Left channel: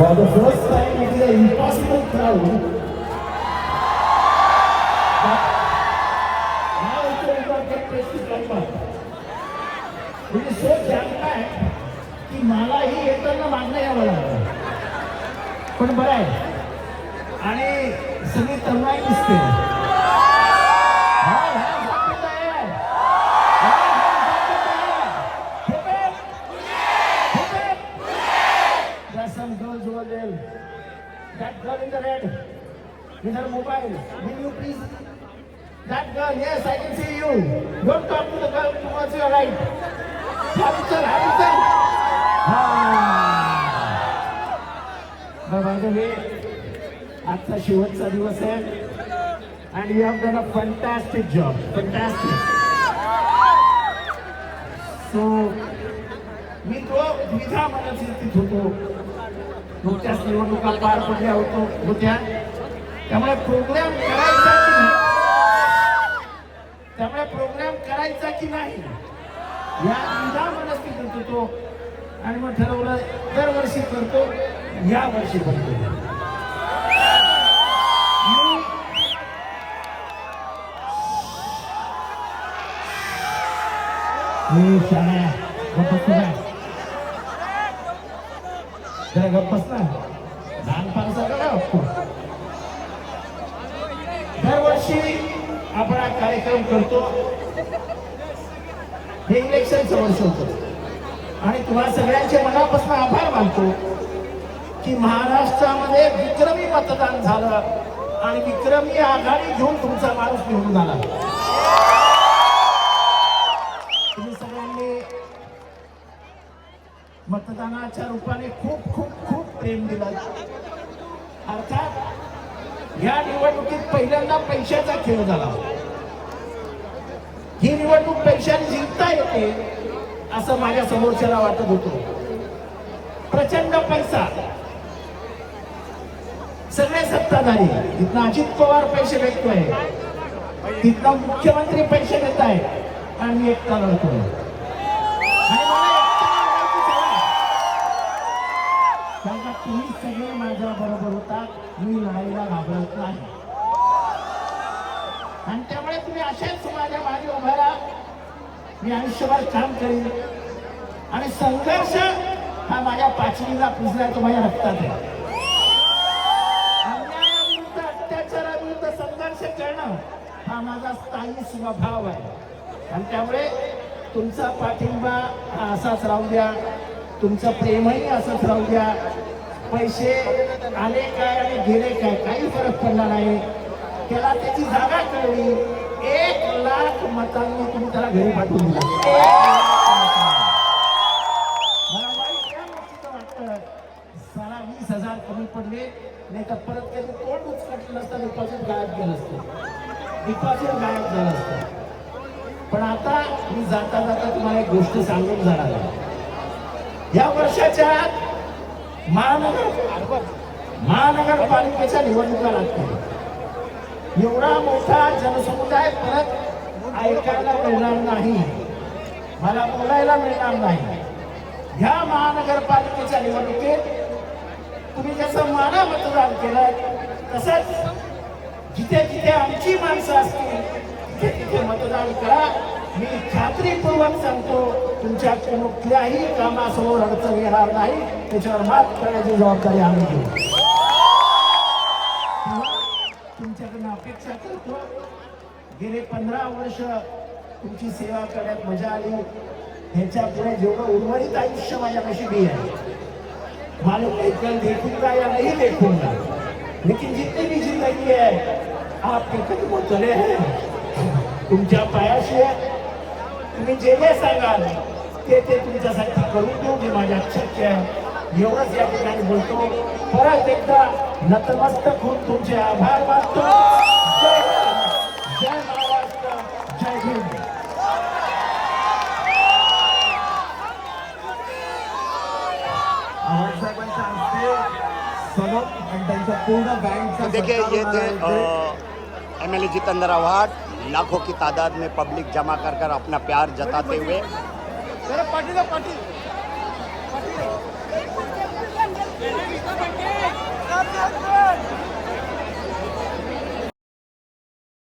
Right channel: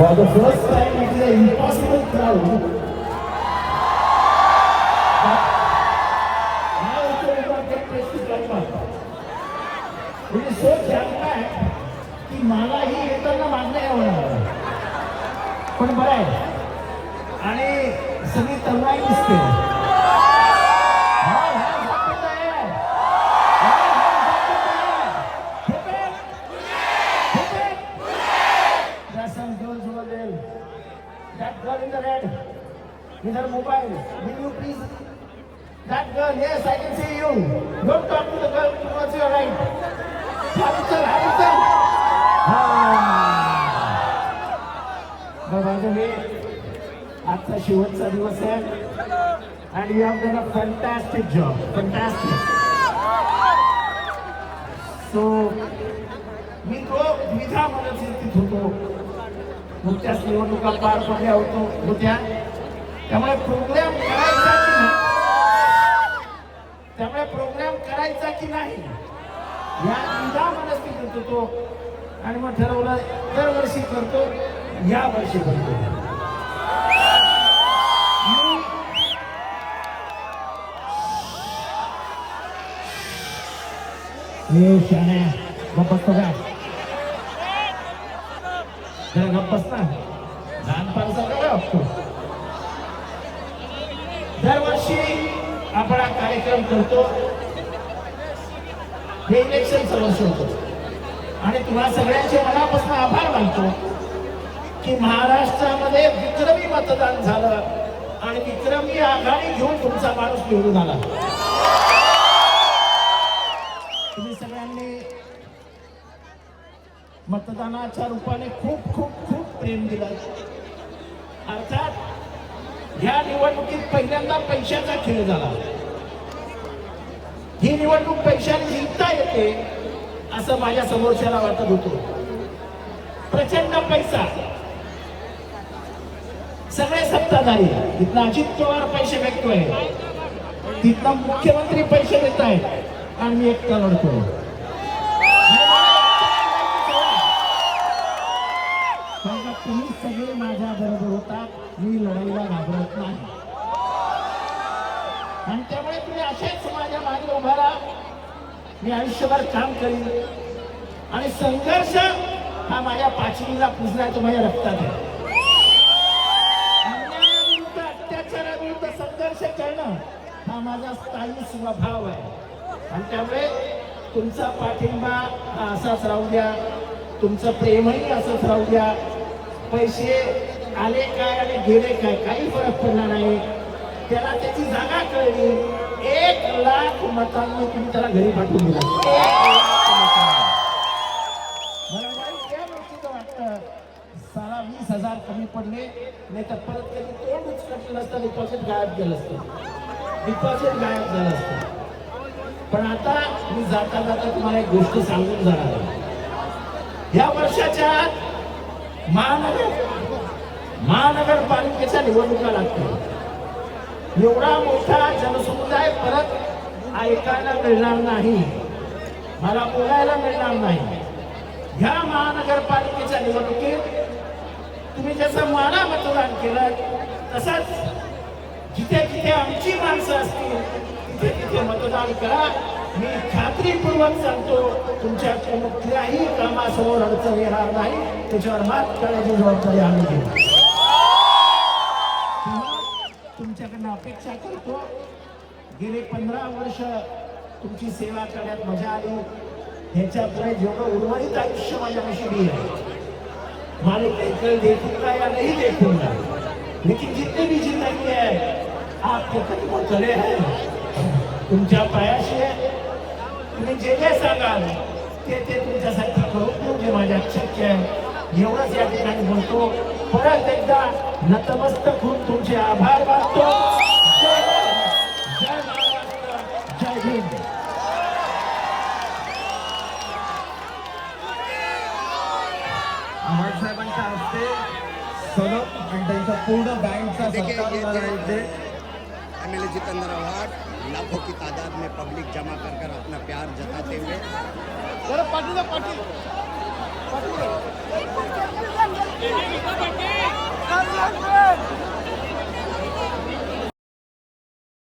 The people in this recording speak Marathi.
For the first time, it is an impossible crowd. But now it will not get place to come up. It is so jam-packed की मलाही येताना मागणं यावं लागलं. पण बरं आहे आणि सगळी तरुणाई दिसते. Some girls over there. That girl in the red, with her mobile. Will you please? That girl, yes, I can see you. Don't talk to the girl towards your right. Habitat. By the way, आजचा शेवटचा दिवस आहे. And you have done a fantastic job. Fantastic. So, मी तो द्विधा मनस्थितीत होतो. नुकत्याच निवडणुका पार पडल्या होत्या. त्यामुळे प्रोग्राम करायचा की नाही या द्विधा मनस्थितीत होतो. आणि मग ठरवलं दरवर्षी करतो, या वर्षी करतो. जरा गप्प बस ना, लहानपणाचा काय असतो. दरवर्षी आपण हा कार्यक्रम करतो. हे इलेक्शनचं वर्ष होतं आणि तुम्हा सगळ्यांचे मनापासून आभार मानतो की महाराष्ट्रामध्ये विक्रमी मतदान झालं आणि विक्रमी आघाडी घेऊन तुमचा माणूस निवडून आला. तुम्ही सगळ्यांनी मतदानाच्या रूपाने खूप खूप खूप प्रेम दिलं. अर्थात या निवडणुकीत पहिल्यांदा पैशाचा खेळ झाला. ही निवडणूक पैशाने जिंकता येते असं माझ्या समोरच्याला वाटत होतं. प्रचंड पैसा, सगळे सत्ताधारी, इथनं अजित पवार पैसे फेकतोय, तिथनं मुख्यमंत्री पैसे देत आहेत आणि मी एकटा लढतोय. तुम्ही सगळे माझ्या बरोबर होता. मी लढाईला घाबरत नाही आणि त्यामुळे तुम्ही अशाच माझ्या मागे उभा राहा. मी आयुष्यभर काम करीन आणि संघर्ष हा माझ्या पाचवीला पुजला, तो माझ्या रक्तात आहे. अन्यायाविरुद्ध, अत्याचाराविरुद्ध संघर्ष करणं हा माझा स्थायी स्वभाव आहे आणि त्यामुळे तुमचा पाठिंबा हा असाच राहू द्या. तुमचं प्रेमही असंच राहू द्या. पैसे आले काय आणि गेले काय काही फरक पडला नाही. त्याला त्याची जागा कळली. 1,00,000 मतांना तुम्ही त्याला घरी पाठवून दिलं. मला वाईट या गोष्टीचं वाटतं, साला 20,000 कमी पडले नाही तर परत कधी तोंड उचकटलं असतं, डिपॉझिट गायब झालं असतं. पण आता मी जाता जाता तुम्हाला एक गोष्ट सांगून जाणार आहे. या वर्षाच्या महानगरपालिकेच्या निवडणुका लागतील. एवढा मोठा जनसमुदाय परत ऐकायला मिळणार नाही, मला बोलायला मिळणार नाही. ह्या महानगरपालिकेच्या निवडणुकीत तुम्ही जसं माना मतदान केलं तसंच जिथे जिथे आमची माणसं असतील तिथे तिथे मतदान करा. मी खात्रीपूर्वक सांगतो, तुमच्या कुठल्याही कामासमोर अडचण येणार नाही. त्याच्यावर मात करण्याची जबाबदारी आम्ही घेऊ. तुमच्याकडनं अपेक्षा करतो. गेले 15 वर्ष तुमची सेवा करण्यात मजा आली. ह्याच्या पुढे जेवढं उर्वरित आयुष्य माझ्या नशिबी आहे. मालिक कल देखूंगा या नहीं देखूंगा, लेकिन जितनी भी जिंदगी है आपके कदमों तले है. तुमच्या पायाशी आहे. तुम्ही जे जे सांगाल ते तुमच्यासाठी करून देऊ, जे माझ्या शक्य आहे. एवढंच या ठिकाणी बोलतो. परत एकदा नतमस्तक होऊन तुमचे आभार मानतो. जय महाराष्ट्र, जय भीम. साहेबांच्या हस्ते सोनम आणि त्यांचा पूर्ण बँकचा देखिए ये MLA जितेंद्र आव्हाड लाखों की तादाद में पब्लिक जमा कर कर अपना प्यार जताते हुए